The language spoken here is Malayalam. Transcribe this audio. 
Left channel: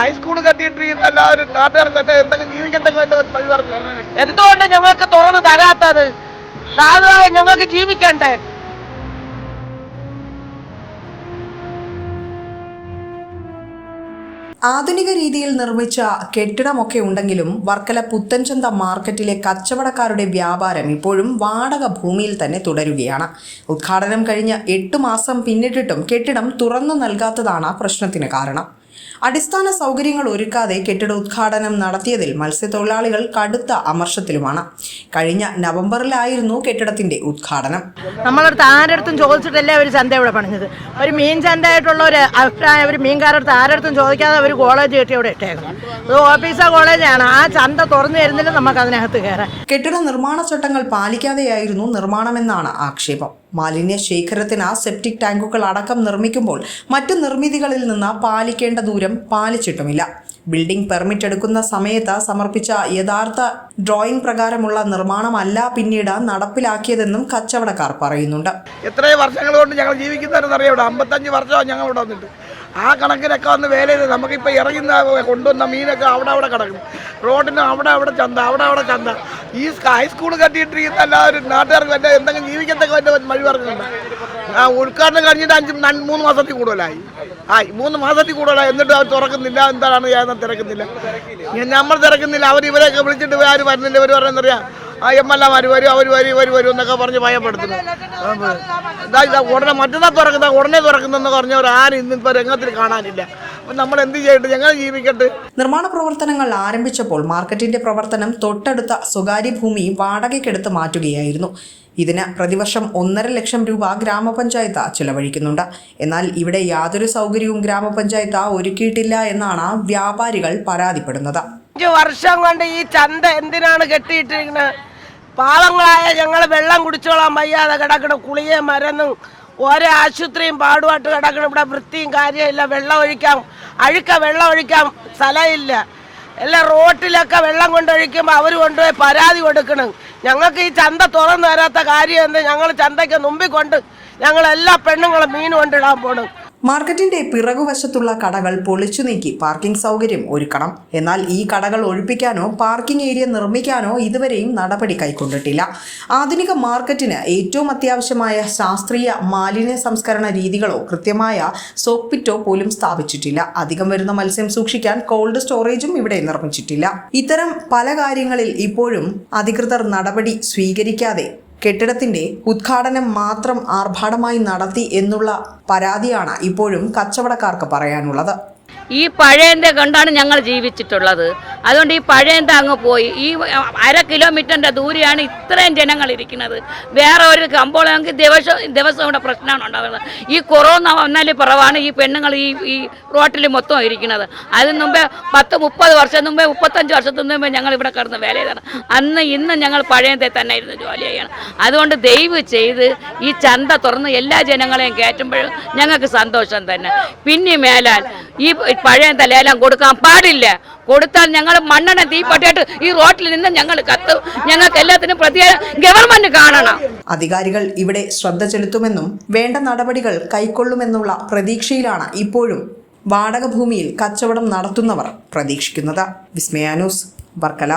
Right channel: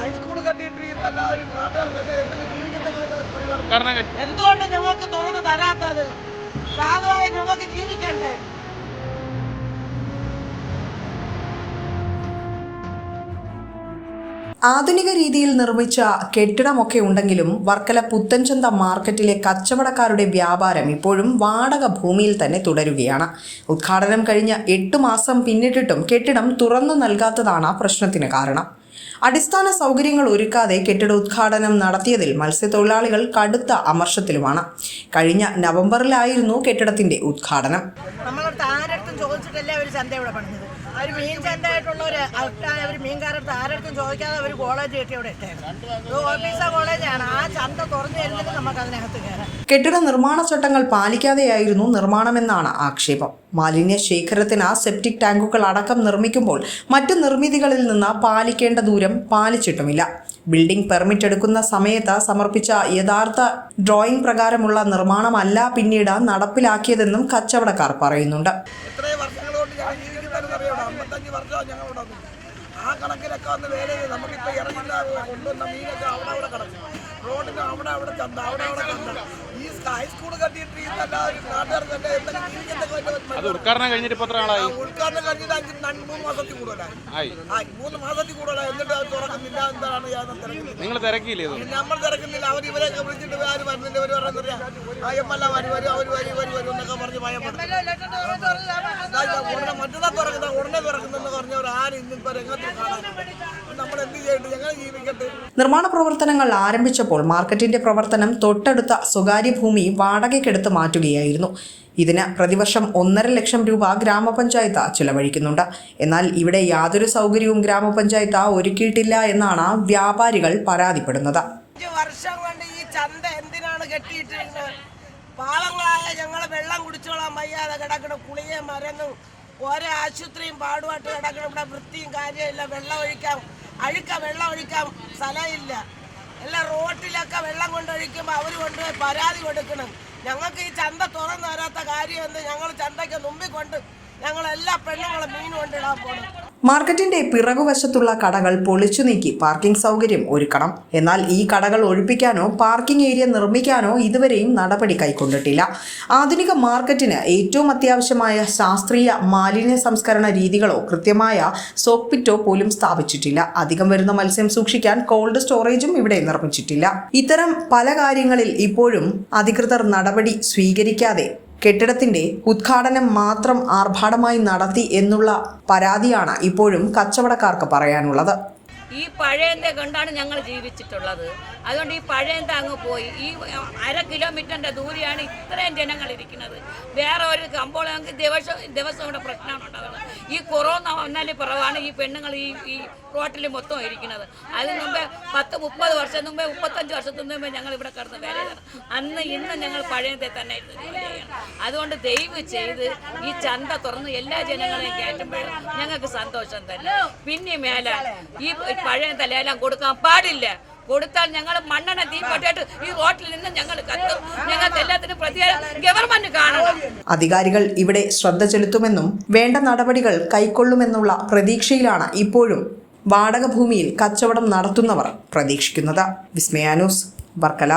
ഹൈസ്കൂൾ കെട്ടിയിട്ട് എല്ലാവരും നാട്ടുകാർക്ക് എന്തെങ്കിലും ജീവിക്കത്തക്ക എന്തുകൊണ്ട് ഞങ്ങൾക്ക് തുറന്ന് തരാത്തത്? ഞങ്ങൾക്ക് ജീവിക്കണ്ടേ? ആധുനിക രീതിയിൽ നിർമ്മിച്ച കെട്ടിടമൊക്കെ ഉണ്ടെങ്കിലും വർക്കല പുത്തൻചന്ത മാർക്കറ്റിലെ കച്ചവടക്കാരുടെ വ്യാപാരം ഇപ്പോഴും വാടക ഭൂമിയിൽ തന്നെ തുടരുകയാണ്. ഉദ്ഘാടനം കഴിഞ്ഞ് 8 മാസം പിന്നിട്ടിട്ടും കെട്ടിടം തുറന്നു നൽകാത്തതാണ് പ്രശ്നത്തിന് കാരണം. അടിസ്ഥാന സൗകര്യങ്ങൾ ഒരുക്കാതെ കെട്ടിട ഉദ്ഘാടനം നടത്തിയതിൽ മത്സ്യത്തൊഴിലാളികൾ കടുത്ത അമർഷത്തിലുമാണ്. കഴിഞ്ഞ നവംബറിലായിരുന്നു കെട്ടിടത്തിന്റെ ഉദ്ഘാടനം. നമ്മളടുത്ത് ആരടുത്തും ചോദിച്ചിട്ടല്ലേ ഒരു ചന്ത ഇവിടെ പണിഞ്ഞത്. ഒരു മീൻ ചന്തയായിട്ടുള്ള ഒരു അഭിപ്രായം ഒരു മീൻകാരടുത്ത് ആരടുത്തും ചോദിക്കാതെ ഒരു കോളേജ് കെട്ടി ഇവിടെ ഇട്ടേക്കണം. അത് ഓഫീസർ കോളേജാണ്. ആ ചന്ത തുറന്നു തരുന്നില്ല നമുക്ക് അതിനകത്ത് കയറാൻ. കെട്ടിട നിർമ്മാണ ചട്ടങ്ങൾ പാലിക്കാതെയായിരുന്നു നിർമ്മാണമെന്നാണ് ആക്ഷേപം. മാലിന്യ ശേഖരത്തിന് സെപ്റ്റിക് ടാങ്കുകൾ അടക്കം നിർമ്മിക്കുമ്പോൾ മറ്റു നിർമ്മിതികളിൽ നിന്ന് പാലിക്കേണ്ട ദൂരം പാലിച്ചിട്ടുമില്ല. ബിൽഡിംഗ് പെർമിറ്റ് എടുക്കുന്ന സമയത്ത് സമർപ്പിച്ച യഥാർത്ഥ ഡ്രോയിംഗ് പ്രകാരമുള്ള നിർമ്മാണമല്ല പിന്നീട് നടപ്പിലാക്കിയതെന്നും കച്ചവടക്കാർ പറയുന്നുണ്ട്. എത്രയോ വർഷങ്ങൾ കൊണ്ട് ഞങ്ങൾ ജീവിക്കുന്നതെന്ന് അറിയാം. 55 വർഷമാണ് ഞങ്ങൾ ഇവിടെ വന്നിട്ട്. ആ കണക്കിനൊക്കെ വന്ന് വേല ചെയ്ത് നമുക്കിപ്പോൾ ഇറങ്ങുന്ന കൊണ്ടുവന്ന മീനൊക്കെ അവിടെ കിടക്കും. റോഡിന് അവിടെ ചന്ത അവിടെ ചന്ത. ഈ ഹൈസ്കൂൾ കെട്ടിയിട്ട് എല്ലാവരും നാട്ടുകാർക്ക് എന്തെങ്കിലും ജീവിക്കത്തക്ക വഴി പറഞ്ഞു. ഉദ്ഘാടനം കഴിഞ്ഞിട്ട് 3 മാസത്തിൽ കൂടുതലായി. 3 മാസത്തിൽ കൂടുതലായി. എന്നിട്ട് അവർ തുറക്കുന്നില്ല. എന്താണ് ഞാൻ തിരക്കുന്നില്ല. നമ്മൾ തിരക്കുന്നില്ല. ഇവരെയൊക്കെ വിളിച്ചിട്ട് ആരും വരുന്നില്ല. ഇവർ പറയുന്നറിയാം എംഎൽഎമാർ വരും, അവർ വരും എന്നൊക്കെ പറഞ്ഞ് ഭയപ്പെടുത്തുന്നു. ഉടനെ മറ്റന്നാ തുറക്കുന്ന ഉടനെ തുറക്കുന്നെന്ന് പറഞ്ഞവർ ആരും ഇന്നിപ്പോൾ രംഗത്തിൽ കാണാനില്ല. നമ്മൾ എന്ത് ചെയ്യട്ടെ? ഞങ്ങൾ ജീവിക്കട്ടെ. നിർമ്മാണ പ്രവർത്തനങ്ങൾ ആരംഭിച്ചപ്പോൾ മാർക്കറ്റിന്റെ പ്രവർത്തനം തൊട്ടടുത്ത സ്വകാര്യ ഭൂമി വാടകയ്ക്കെടുത്ത് മാറ്റുകയായിരുന്നു. ഇതിന് പ്രതിവർഷം 1.5 ലക്ഷം രൂപ ഗ്രാമപഞ്ചായത്ത് ചിലവഴിക്കുന്നുണ്ട്. എന്നാൽ ഇവിടെ യാതൊരു സൗകര്യവും ഗ്രാമപഞ്ചായത്ത് ഒരുക്കിയിട്ടില്ല എന്നാണ് വ്യാപാരികൾ പരാതിപ്പെടുന്നത്. 5 വർഷം കൊണ്ട് ഈ ചന്ത എന്തിനാണ് കെട്ടിയിട്ടിരിക്കുന്നത്? പാവങ്ങളായ ഞങ്ങൾ വെള്ളം കുടിച്ചോളാൻ വയ്യാതെ കിടക്കണം. കുളിയെ മരുന്നും ഓരോ ആശുപത്രിയും പാടുപാട്ട് കിടക്കണം. ഇവിടെ വൃത്തിയും കാര്യമില്ല. അഴുക്ക വെള്ളം ഒഴിക്കാൻ സ്ഥലമില്ല. എല്ലാം റോട്ടിലൊക്കെ വെള്ളം കൊണ്ടൊഴിക്കുമ്പോൾ അവർ കൊണ്ടുപോയി പരാതി കൊടുക്കണം. ഞങ്ങൾക്ക് ഈ ചന്ത തുറന്നു തരാത്ത കാര്യം എന്ത്? ഞങ്ങൾ ചന്തയ്ക്ക് മുമ്പിൽ കൊണ്ട് ഞങ്ങൾ എല്ലാ പെണ്ണുങ്ങളും മീൻ കൊണ്ടിടാൻ പോകണം. മാർക്കറ്റിന്റെ പിറകുവശത്തുള്ള കടകൾ പൊളിച്ചു നീക്കി പാർക്കിംഗ് സൗകര്യം ഒരുക്കണം. എന്നാൽ ഈ കടകൾ ഒഴിപ്പിക്കാനോ പാർക്കിംഗ് ഏരിയ നിർമ്മിക്കാനോ ഇതുവരെയും നടപടി കൈക്കൊണ്ടിട്ടില്ല. ആധുനിക മാർക്കറ്റിന് ഏറ്റവും അത്യാവശ്യമായ ശാസ്ത്രീയ മാലിന്യ സംസ്കരണ രീതികളോ കൃത്യമായ സോക്ക് പിറ്റോ പോലും സ്ഥാപിച്ചിട്ടില്ല. അധികം വരുന്ന മത്സ്യം സൂക്ഷിക്കാൻ കോൾഡ് സ്റ്റോറേജും ഇവിടെ നിർമ്മിച്ചിട്ടില്ല. ഇത്തരം പല കാര്യങ്ങളിൽ ഇപ്പോഴും അധികൃതർ നടപടി സ്വീകരിക്കാതെ കെട്ടിടത്തിന്റെ ഉദ്ഘാടനം മാത്രം ആർഭാടമായി നടത്തി എന്നുള്ള പരാതിയാണ് ഇപ്പോഴും കച്ചവടക്കാർക്ക് പറയാനുള്ളത്. ഈ പഴയന്റെ കണ്ടാണ് ഞങ്ങൾ ജീവിച്ചിട്ടുള്ളത്. അതുകൊണ്ട് ഈ പഴയന്റെ അങ്ങ് പോയി. ഈ 1/2 കിലോമീറ്ററിന്റെ ദൂരെയാണ് ഇത്രയും ജനങ്ങൾ ഇരിക്കുന്നത്. വേറെ ഒരു കമ്പോളമെങ്കിൽ ദിവസം ഇവിടെ പ്രശ്നമാണ് ഉണ്ടാകുന്നത്. ഈ കൊറോണ വന്നാലും കുറവാണ് ഈ പെണ്ണുങ്ങൾ ഈ റോട്ടിൽ മൊത്തം ഇരിക്കുന്നത്. അതിന് മുമ്പേ 10-30 വർഷം മുമ്പേ 35 വർഷത്തിന് മുമ്പേ ഞങ്ങൾ ഇവിടെ കിടന്ന് വേല ചെയ്താണ്. ഇന്ന് ഞങ്ങൾ പഴയത്തെ തന്നെ ഇരുന്ന് ജോലി ചെയ്യണം. അതുകൊണ്ട് ദയവ് ചെയ്ത് ഈ ചന്ത തുറന്ന് എല്ലാ ജനങ്ങളെയും കയറ്റുമ്പോഴും ഞങ്ങൾക്ക് സന്തോഷം തന്നെ. പിന്നെ മേലാൽ ഈ പഴയ തലയെല്ലാം കൊടുക്കാൻ പാടില്ല. കൊടുത്താൽ ഞങ്ങൾ മണ്ണെണ്ണ തീപ്പട്ടിയായിട്ട് ഈ റോട്ടിൽ നിന്ന് ഞങ്ങൾ കത്തും. ഞങ്ങൾക്ക് എല്ലാത്തിനും പ്രതികാരം ഗവൺമെന്റ് കാണണം. അധികാരികൾ ഇവിടെ ശ്രദ്ധ ചെലുത്തുമെന്നും വേണ്ട നടപടികൾ കൈക്കൊള്ളുമെന്നുള്ള പ്രതീക്ഷയിലാണ് ഇപ്പോഴും വാടക ഭൂമിയിൽ കച്ചവടം നടത്തുന്നവർ പ്രതീക്ഷിക്കുന്നത്. വിസ്മയ ന്യൂസ്, വർക്കല.